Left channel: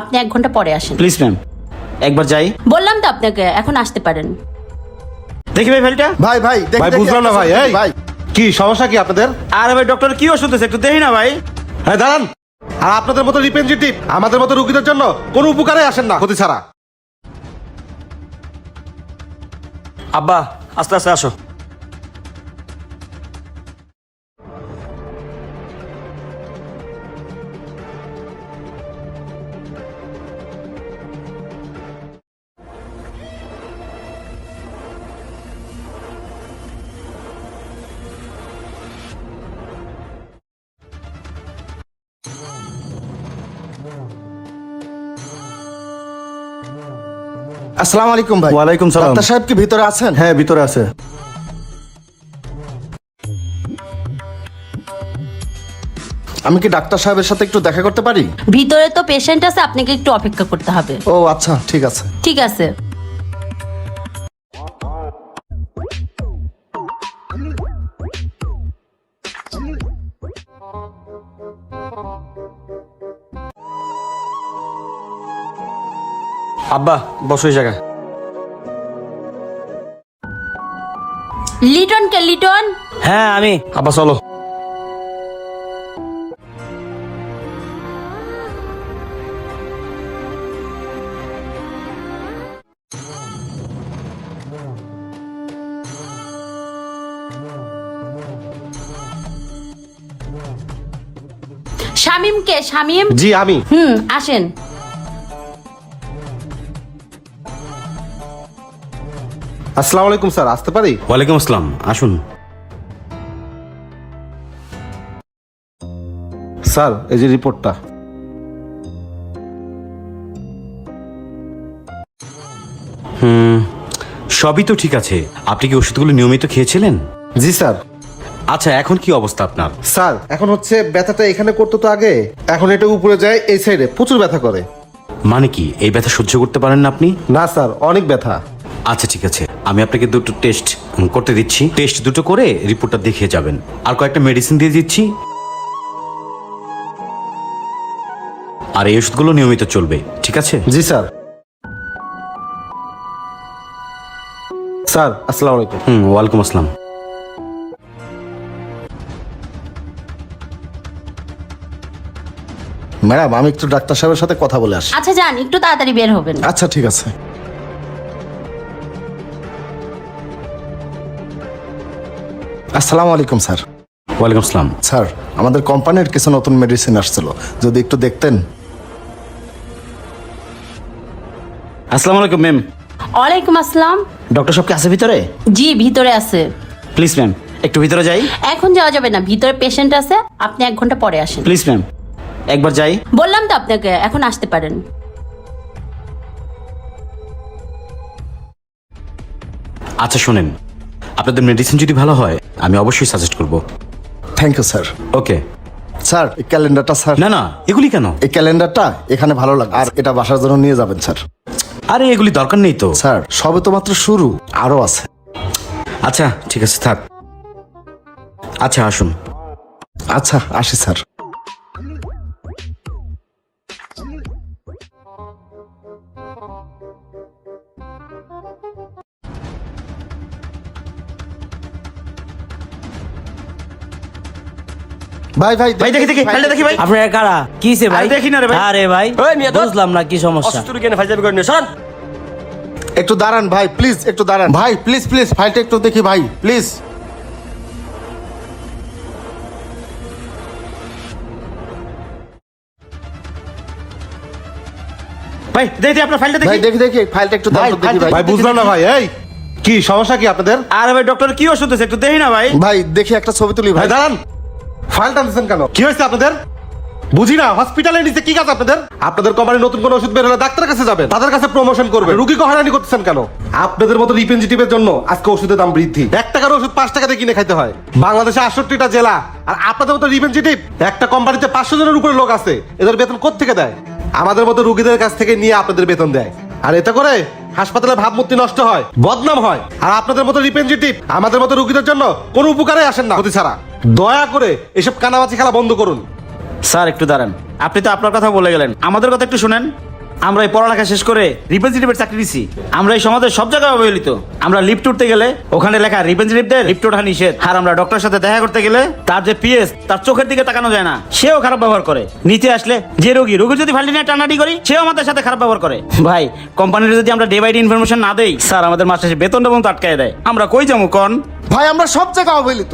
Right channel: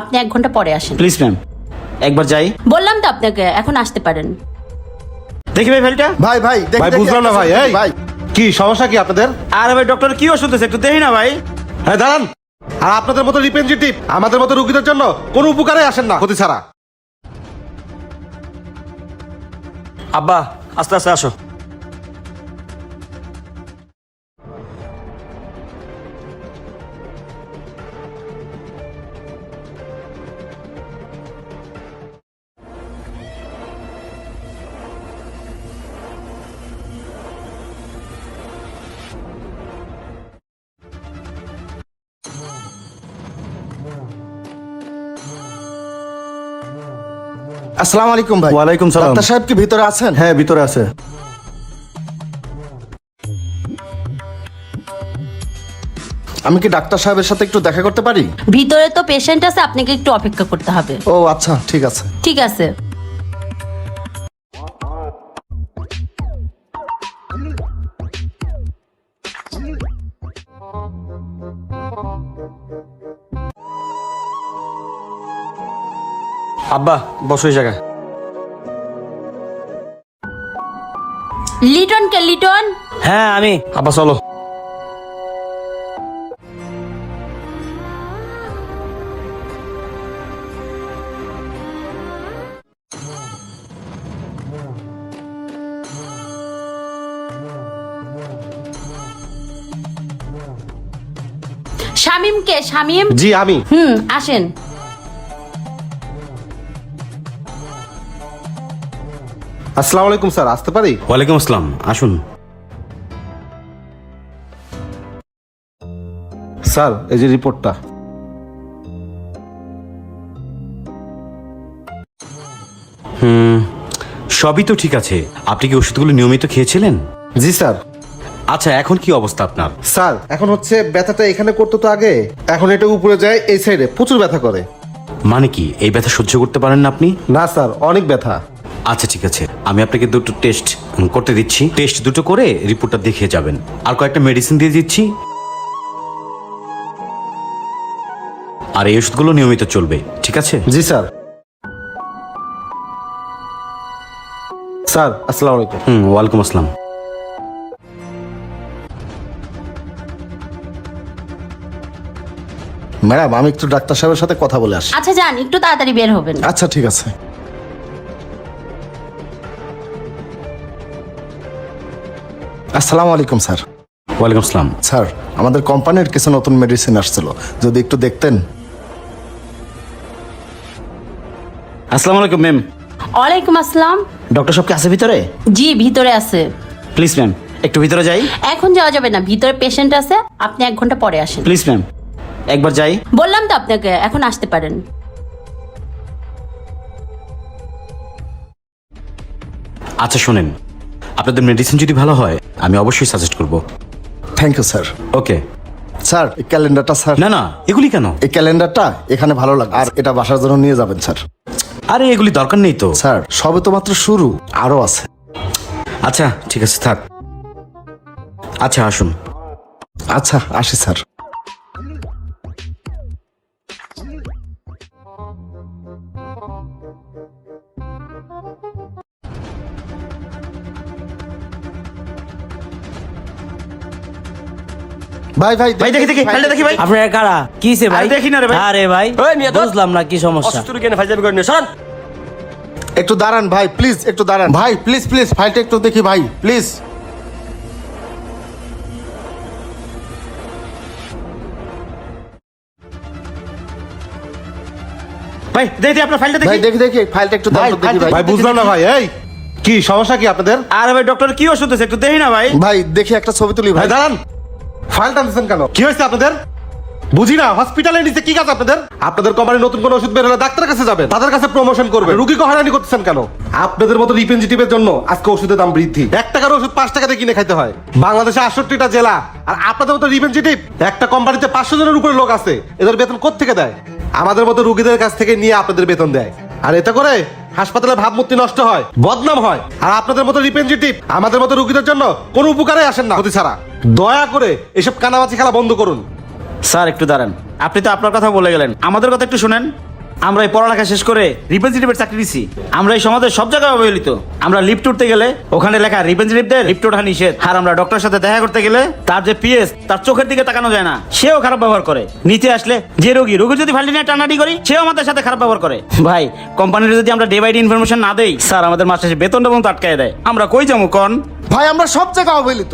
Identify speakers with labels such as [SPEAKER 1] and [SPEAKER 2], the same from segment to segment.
[SPEAKER 1] আপনি এক ঘণ্টা পরে আসেন।
[SPEAKER 2] প্লিজ ম্যাম একবার যাই।
[SPEAKER 1] বললাম তো আপনাকে এখন আসতে পারেন।
[SPEAKER 2] দেখি ভাই ফাইলটা
[SPEAKER 3] ভাই ভাই
[SPEAKER 4] ভাই,
[SPEAKER 3] দেখি,
[SPEAKER 4] বুঝলাম না ভাই, এই।
[SPEAKER 3] ভাই।
[SPEAKER 4] কি সমস্যা কি আপনাদের?
[SPEAKER 2] আরে ভাই ডক্টর কি ওষুধ আছে? একটু দেবি না ভাই।
[SPEAKER 4] হ্যাঁ দাঁড়ান। আর আপনাদের মতো রিপ্রেজেন্টেটিভ আমাদের মতো রুগীদের জন্য কোনো উপকারে আসেন না। ক্ষতি ছাড়া।
[SPEAKER 2] আব্বা আস্তে আস্তে আসো।
[SPEAKER 3] আসসালামু আলাইকুম ভাই।
[SPEAKER 4] ওয়ালাইকুম সালাম।
[SPEAKER 3] ডাক্তার সাহেব কি ভিতরে আছেন?
[SPEAKER 4] হ্যাঁ ভিতরে আছে। আমি কি ডাক্তার সাহেবের সাথে একটু দেখা করতে পারি?
[SPEAKER 1] ভিতরে তো পেশেন্ট আছে আপনাকে একটু অপেক্ষা করতে হবে।
[SPEAKER 4] ও আচ্ছা ঠিক আছে।
[SPEAKER 1] ঠিক আছে।
[SPEAKER 2] আব্বা বসো এই জায়গায়।
[SPEAKER 1] লিটন কে লিটন?
[SPEAKER 2] হ্যাঁ আমি। আব্বা চলো।
[SPEAKER 1] শামিম কে শামিম?
[SPEAKER 4] জি আমি।
[SPEAKER 1] হুম আসেন।
[SPEAKER 4] আসসালামু আলাইকুম স্যার। আসতে পারি?
[SPEAKER 5] ওয়ালাইকুম আসসালাম। আসুন।
[SPEAKER 4] স্যার এই যে রিপোর্টটা।
[SPEAKER 5] সবই তো ঠিক আছে। আপনি কি ওষুধগুলো নিয়মিত খেয়েছিলেন?
[SPEAKER 4] জি স্যার।
[SPEAKER 5] আচ্ছা এখন কি অবস্থা আপনার?
[SPEAKER 4] স্যার এখন হচ্ছে ব্যথাটা এখানে করতে তো আগে। এখন এটা উপরে যায় এই সাইডে প্রচুর ব্যথা করে।
[SPEAKER 5] মানে কি এই ব্যথা সহ্য করতে পারেন না আপনি?
[SPEAKER 4] না স্যার অনেক ব্যথা।
[SPEAKER 5] আচ্ছা ঠিক আছে। আমি আপনাকে দুটো টেস্ট করতে দিচ্ছি। টেস্ট দুটো করে রিপোর্টটা দেখিয়ে যাবেন। আর কয়েকটা মেডিসিন দিয়ে দিচ্ছি। আর এই ওষুধগুলো নিয়মিত চলবে ঠিক আছে?
[SPEAKER 4] জি স্যার। স্যার আসসালামু আলাইকুম।
[SPEAKER 5] হুম ওয়ালাইকুম আসসালাম।
[SPEAKER 4] ম্যাডাম আমি একটু ডাক্তার সাহেবের সাথে কথা বলে আসি
[SPEAKER 1] আচ্ছা যান একটু তাড়াতাড়ি বের হবেন।
[SPEAKER 4] আচ্ছা ঠিক আছে। আসসালামু আলাইকুম স্যার।
[SPEAKER 5] ওয়ালাইকুম আসসালাম।
[SPEAKER 4] স্যার আমাদের কোম্পানির কিছু নতুন মেডিসিন আসছিল। যদি একটু দেখতেন।
[SPEAKER 5] আসসালামু আলাইকুম ম্যাম
[SPEAKER 1] ওয়ালাইকুম আসসালাম।
[SPEAKER 5] ডক্টর সব কি আছে ভিতরে?
[SPEAKER 1] জি ভিতরে আছে।
[SPEAKER 5] প্লিজ ম্যাম একটু ভিতরে যাই।
[SPEAKER 1] এখন যাওয়া যাবে না ভিতরে পেশেন্ট আছে। আপনি এক ঘণ্টা পরে আসেন।
[SPEAKER 5] প্লিজ ম্যাম একবার যাই।
[SPEAKER 1] বললাম তো আপনাকে এখন আসতে পারেন।
[SPEAKER 5] আচ্ছা শোনেন। আপনাদের মেডিসিন যদি ভালো হয় আমি অবশ্যই সাজেস্ট করব।
[SPEAKER 4] Thank you sir
[SPEAKER 5] okay
[SPEAKER 4] sir এই ক্যালেন্ডারটা স্যার
[SPEAKER 5] না না এগুলি কেন?
[SPEAKER 4] এই ক্যালেন্ডারটা এখানে ভালো লাগে। আর এটা বাসার জন্য নিয়ে যাবেন স্যার
[SPEAKER 5] আরে এগুলি দরকার নেই তো।
[SPEAKER 4] স্যার সবে তো মাত্র শুরু আরও আছে।
[SPEAKER 5] আচ্ছা ঠিক আছে স্যার আচ্ছা আসুন।
[SPEAKER 4] আচ্ছা আসি স্যার ভাই ভাই
[SPEAKER 2] ভাই দেখি দেখি ফাইলটা দেখি ভাই।
[SPEAKER 6] আপনারা কারা? কি ভাই?
[SPEAKER 2] দেখি না রে ভাই।
[SPEAKER 6] আরে ভাই বুঝলাম না কি সমস্যা।
[SPEAKER 4] অস্ত্র কেন ফাইল করে নিয়ে একটু দাঁড়ান ভাই প্লিজ একটু দাঁড়ান। ভাই প্লিজ প্লিজ ফাইলটা একটু দেখি ভাই। প্লিজ
[SPEAKER 2] ভাই দেখি আপনার ফাইলটা
[SPEAKER 4] ভাই
[SPEAKER 2] দেখি।
[SPEAKER 4] দেখি দেখি ফাইলটা একটু দাঁড়ান দেখি ভাই।
[SPEAKER 3] ভাই বুঝলাম না ভাই এই কি সমস্যা কি আপনাদের?
[SPEAKER 2] আরে ভাই ডক্টর কি ওষুধ আছে একটু দেখি না ভাই।
[SPEAKER 4] ভাই দেখি একটা ছবি তুলি ভাই দাঁড়ান। দিচ্ছেন কেন?
[SPEAKER 2] কি হয়েছে আপনাদের?
[SPEAKER 4] বুঝি না হসপিটালে নিচে কি কাজ আপনাদের? আপনাদের কোম্পানি নতুন কোনো ওষুধ বের হলে ডাক্তারের কাছে যাবে তাদের কাছে প্রমোশন করবে রুগীকে হয়রানি করতেছেন কেন? আপনাদের মতো রিপ্রেজেন্টেটিভের জন্য। আজকে ওষুধের দাম বৃদ্ধি। এক টাকার ওষুধ পাঁচ টাকাতে কিনে খাইতে হয়। বাংলাদেশে আটষট্টিটা জেলা। আর আপনাদের মতো রিপ্রেজেন্টেটিভ একটা কোম্পানিতে পাঁচশো জনের উপরে লোক আছে। এদের বেতন কোথেকে দেয়? আমাদের মতো রুগীদের কাছ থেকে নিয়ে আপনাদের বেতন দেয়। আর এতে করে হাসপাতালে ভাবমূর্তি নষ্ট হয়। বদনাম হয়। আর আপনাদের মতো রিপ্রেজেন্টেটিভ আমাদের মতো রোগীদের জন্য কোনো উপকারে আসেন না। অতি ছাড়া দয়া করে এসব কানামাচি খেলা বন্ধ করুন।
[SPEAKER 5] স্যার একটু দাঁড়ান। আপনি তো আপনার কথা বলে গেলেন। আমাদের কথা একটু শুনেন। আমরা এই পড়ালেখা শেষ করে রিপ্রেজেন্টেটিভের চাকরি নিছি আমরা এই সমাজের সব জায়গায় অবহেলিত। আমরা লিফট উঠতে গেলে ওখানে লেখা রিপ্রেজেন্টেটিভদের লিফট ওঠা নিষেধ। আর আমরা ডক্টরের সাথে দেখা করতে গেলে তার যে পিএস তার চোখের দিকে তাকানো যায় না। সেও খারাপ ব্যবহার করে। নিচে আসলে যে রোগী রোগী যদি ফান্ডি নিয়ে টানাটি করি সেও আমাদের সাথে খারাপ ব্যবহার করে। ভাই কোম্পানির যদি আমরা ডে বাই ডে ইনফরমেশন না দেই স্যার আমাদের মাস শেষে বেতনটা পর্যন্ত আটকে দেয়। আমরা কই যাব কোন?
[SPEAKER 4] ভাই আমরা সব জায়গায় অবহেলিত।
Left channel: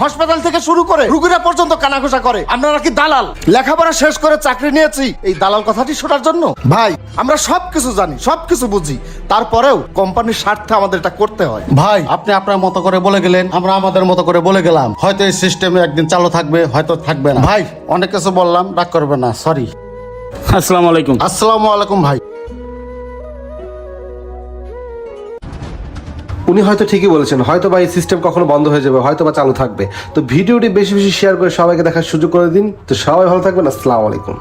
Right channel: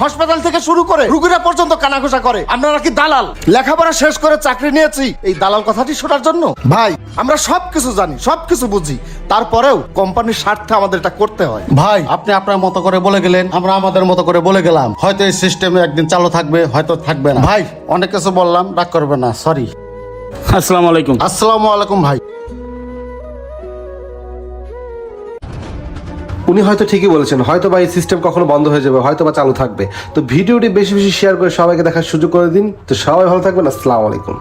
[SPEAKER 4] হাসপাতাল থেকে শুরু করে রুগীরা পর্যন্ত কানাঘুষা করে। আপনারা কি দালাল? লেখাপড়া শেষ করে চাকরি নিয়েছি। এই দালাল কথাটি শোনার জন্য? ভাই আমরা সব কিছু জানি সব কিছু বুঝি। তারপরেও কোম্পানির স্বার্থে আমাদের এটা করতে হয়। ভাই। আপনি আপনার মতো করে বলে গেলেন আমরা আমাদের মতো করে বলে গেলাম। হয়তো এই সিস্টেমে একদিন চালু থাকবে হয়তো থাকবে না। ভাই অনেক কিছু বললাম রাগ করবে না। সরি
[SPEAKER 5] আসসালামু আলাইকুম।
[SPEAKER 4] আসসালামু আলাইকুম ভাই। উনি হয়তো ঠিকই বলেছেন, হয়তো বা এই সিস্টেম কখনো বন্ধ হয়ে যাবে, হয়তো বা চালু থাকবে। তো ভিডিওটি বেশি বেশি শেয়ার করে সবাইকে দেখার সুযোগ করে দিন। তো সবাই ভালো থাকবেন, আসসালামু আলাইকুম।